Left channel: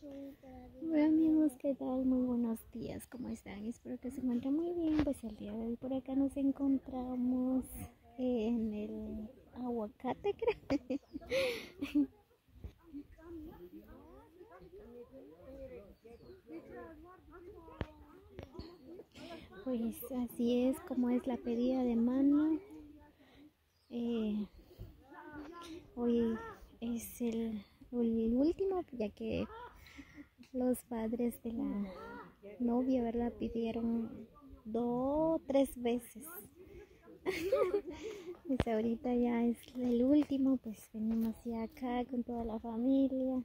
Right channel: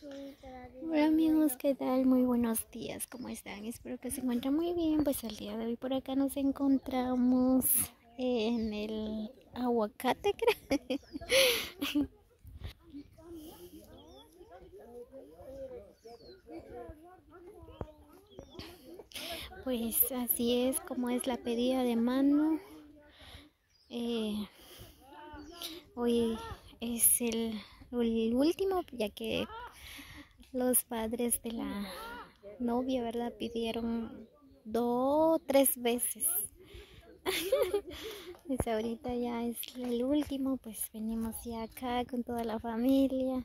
Hola amigos, ¿qué tal? Muy buenos días, ¿cómo están? Espero que se encuentren muy bien. Pues el día de hoy por acá nos encontramos en el aguacate, creo. Pues así es como es la pedida de mano. Eh, Hoy es el último, ya que los padres de la novia, ¿verdad? Pidieron 2, 3 veces. Pues ahorita ya es el último, pues venimos ya acá con toda la familia.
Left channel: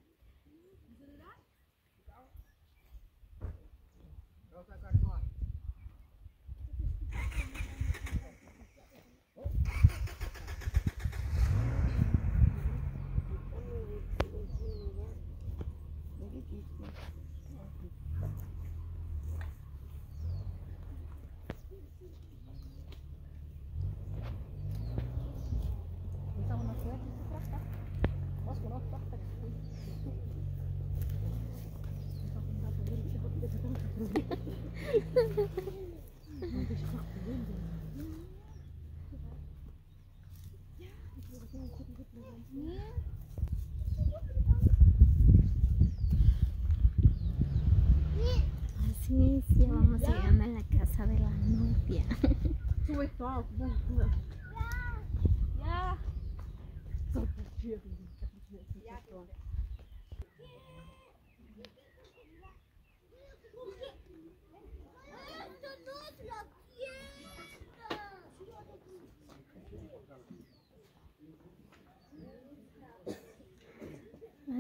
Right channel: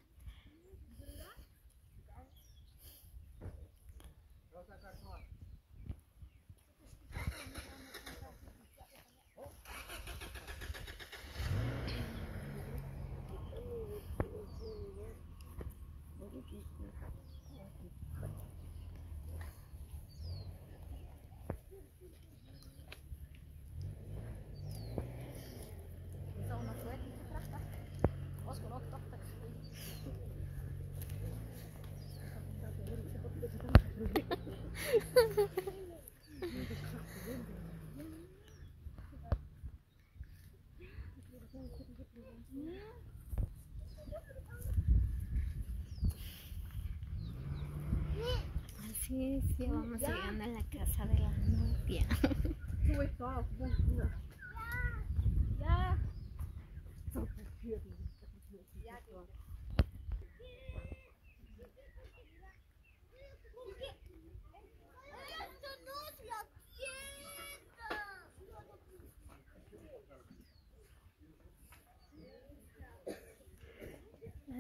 Así es, ya vamos llegando a la casa de la novia.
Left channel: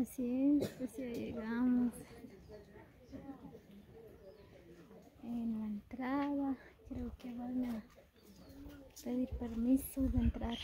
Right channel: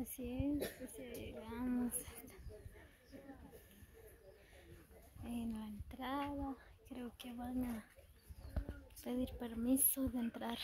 Así es, pues ya llegamos en la entrada. Creo que van a pedir permiso de entrar.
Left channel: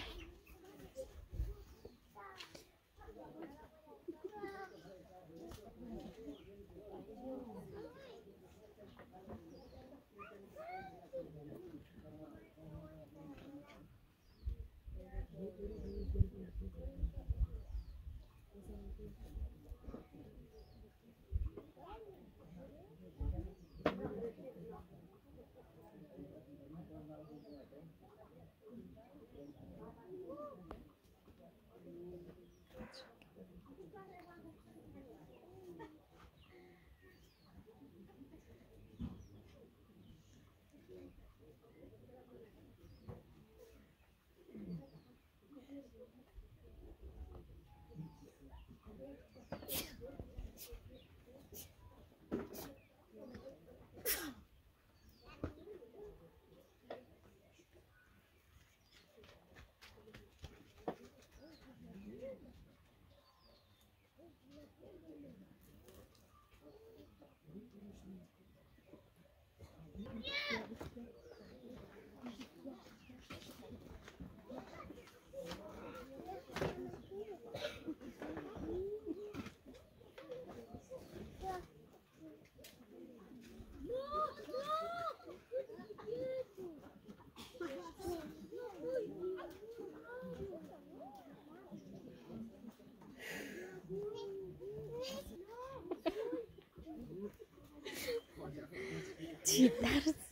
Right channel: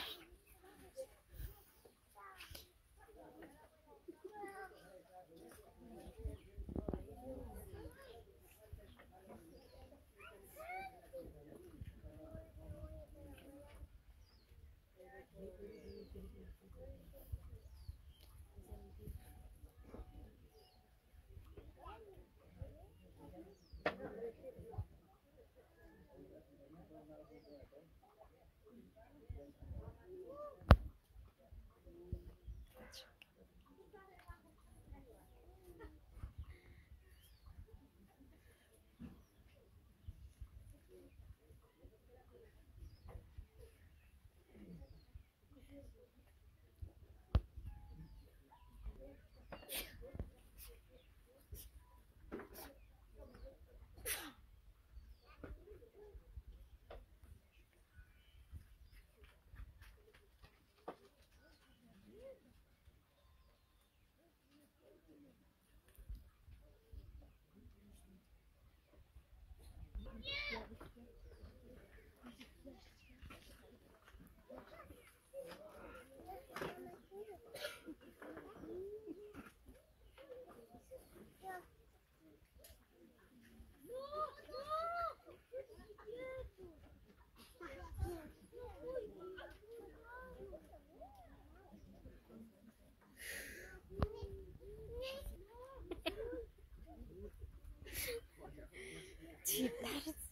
Chitarse.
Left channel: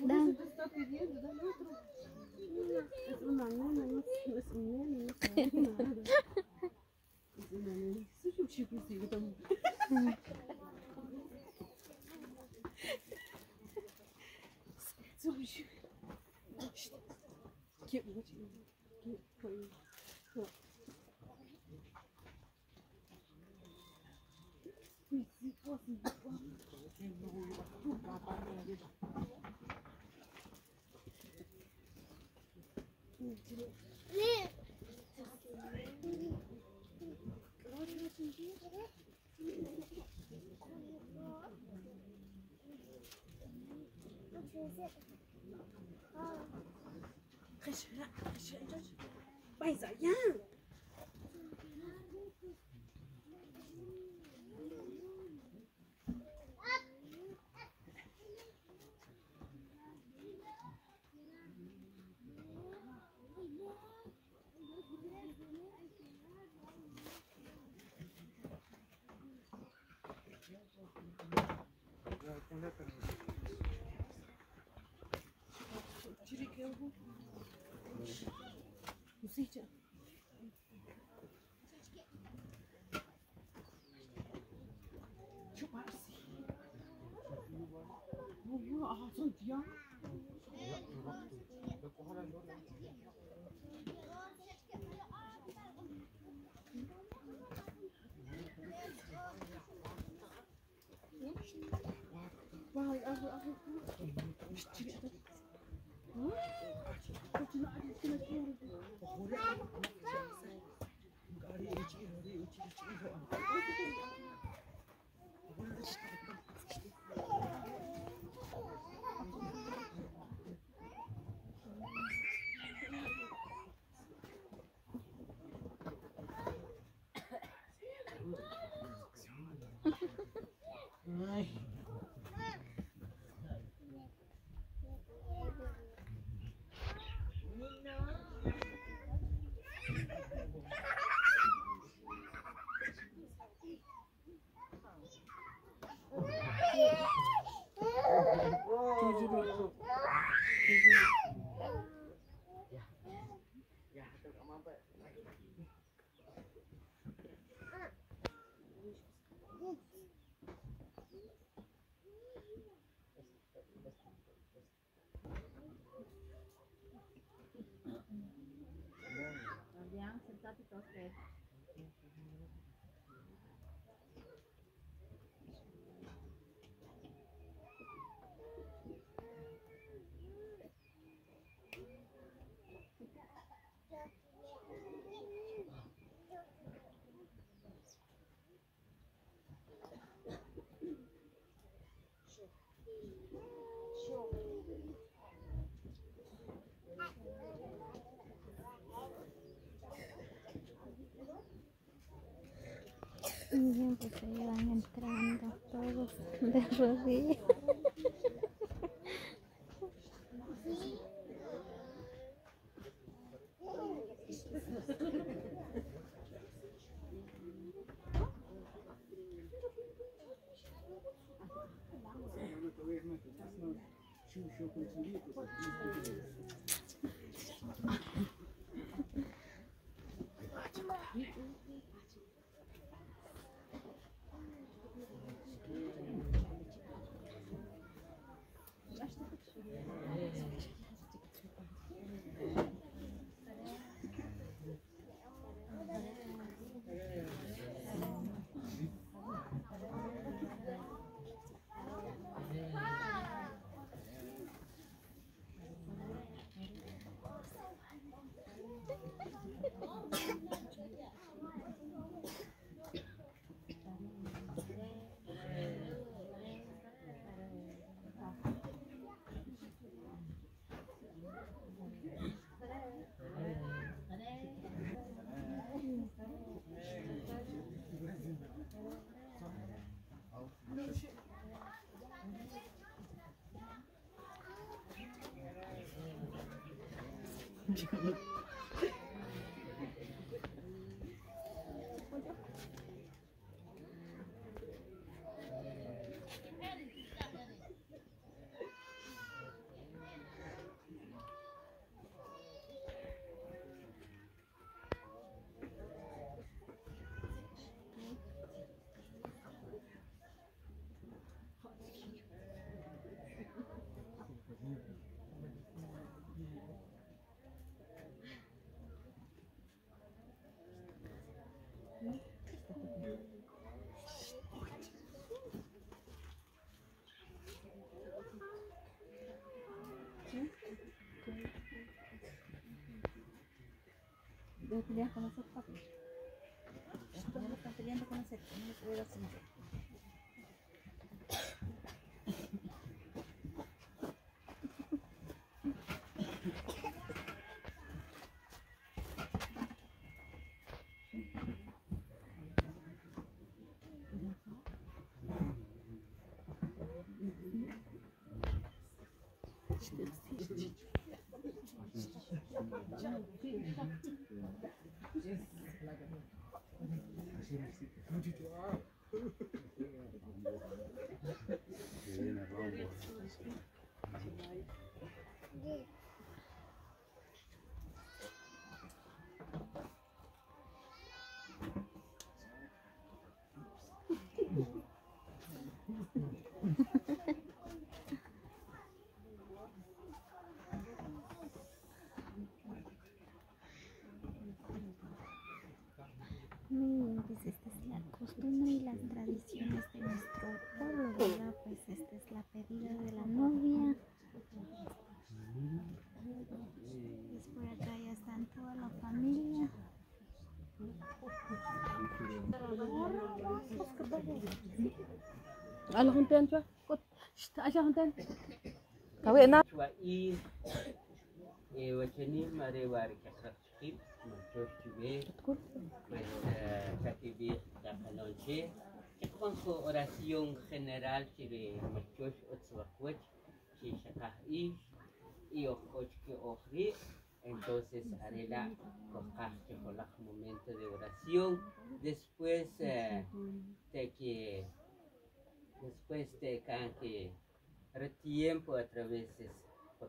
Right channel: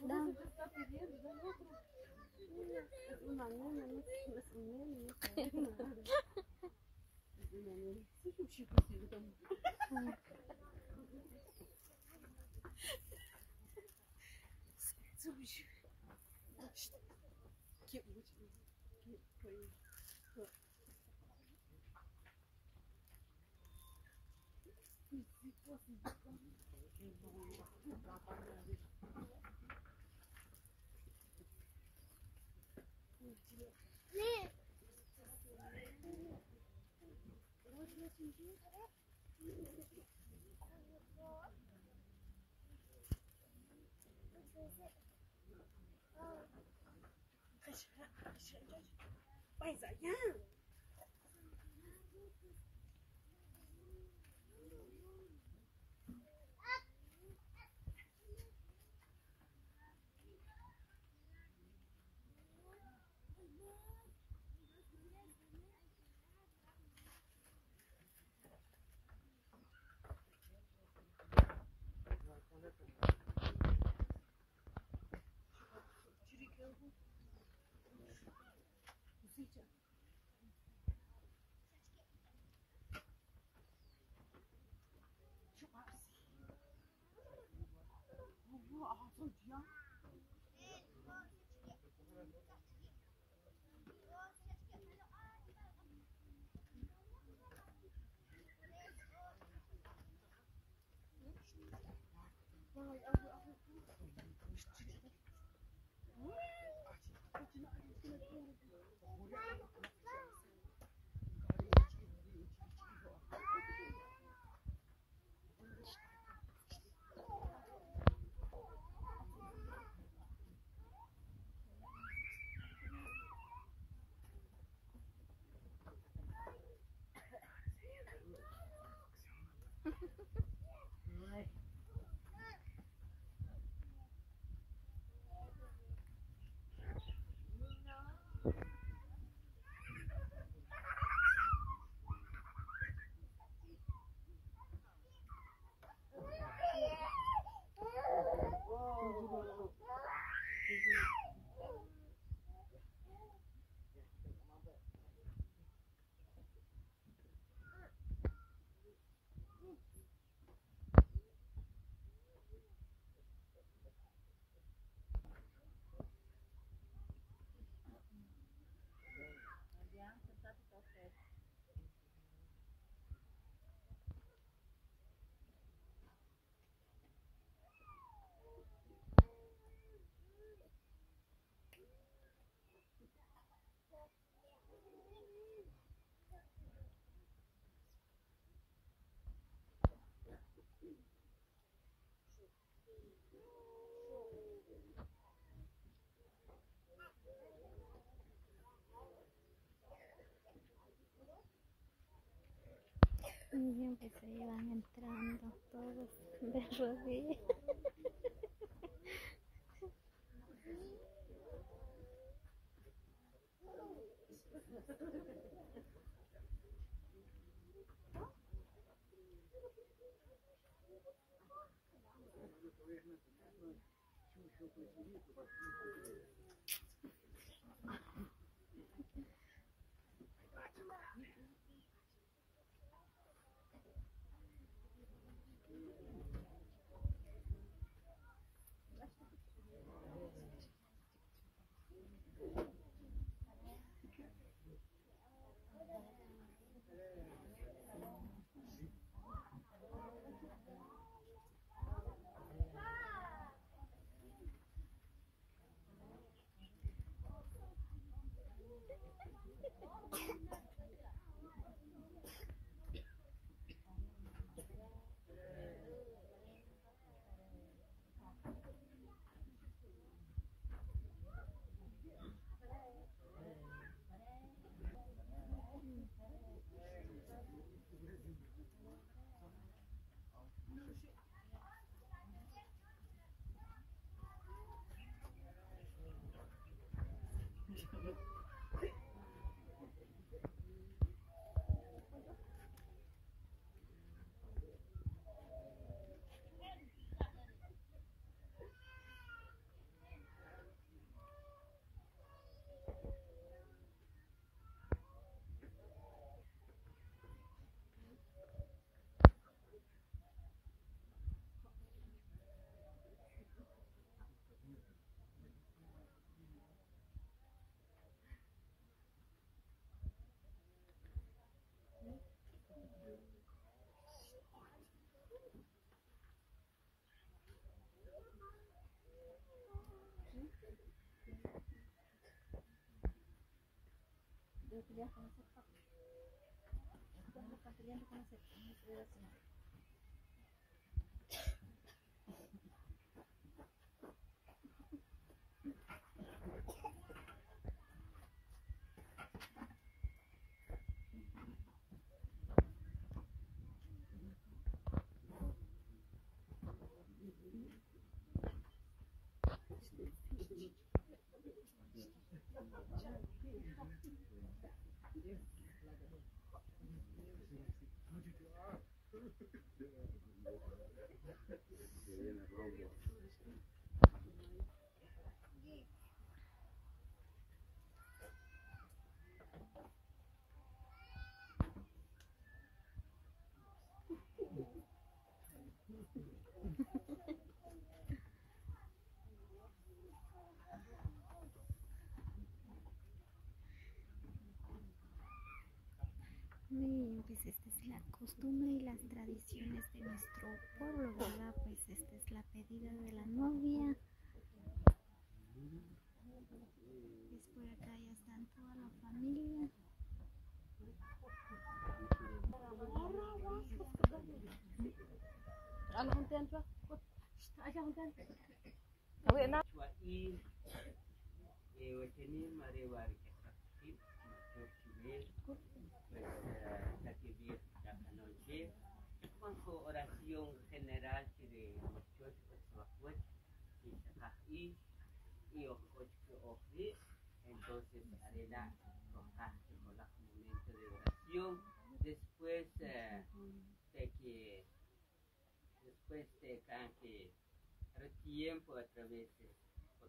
Dan. Bây giờ nhá. Y pues ahí van entrando todos de rodillas. Debe pelear con esos papis. Estos no están peleando con ese, no se ve así. Pues esta es la costumbre y las tradiciones de nuestro pueblo, ¿verdad? Pues esta es la pedida de la novia. Pues por acá ya están toda la familia. Con su oración general entonces haré la momento de oración. Después de que tiempo a través de la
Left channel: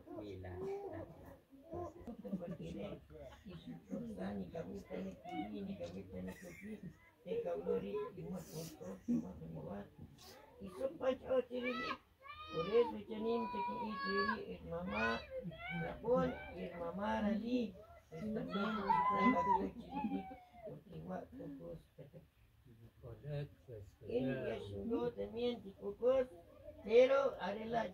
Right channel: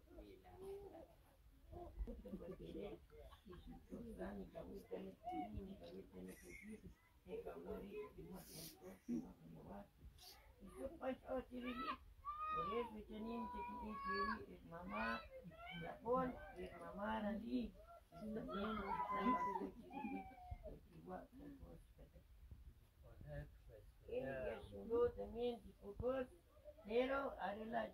pero haré la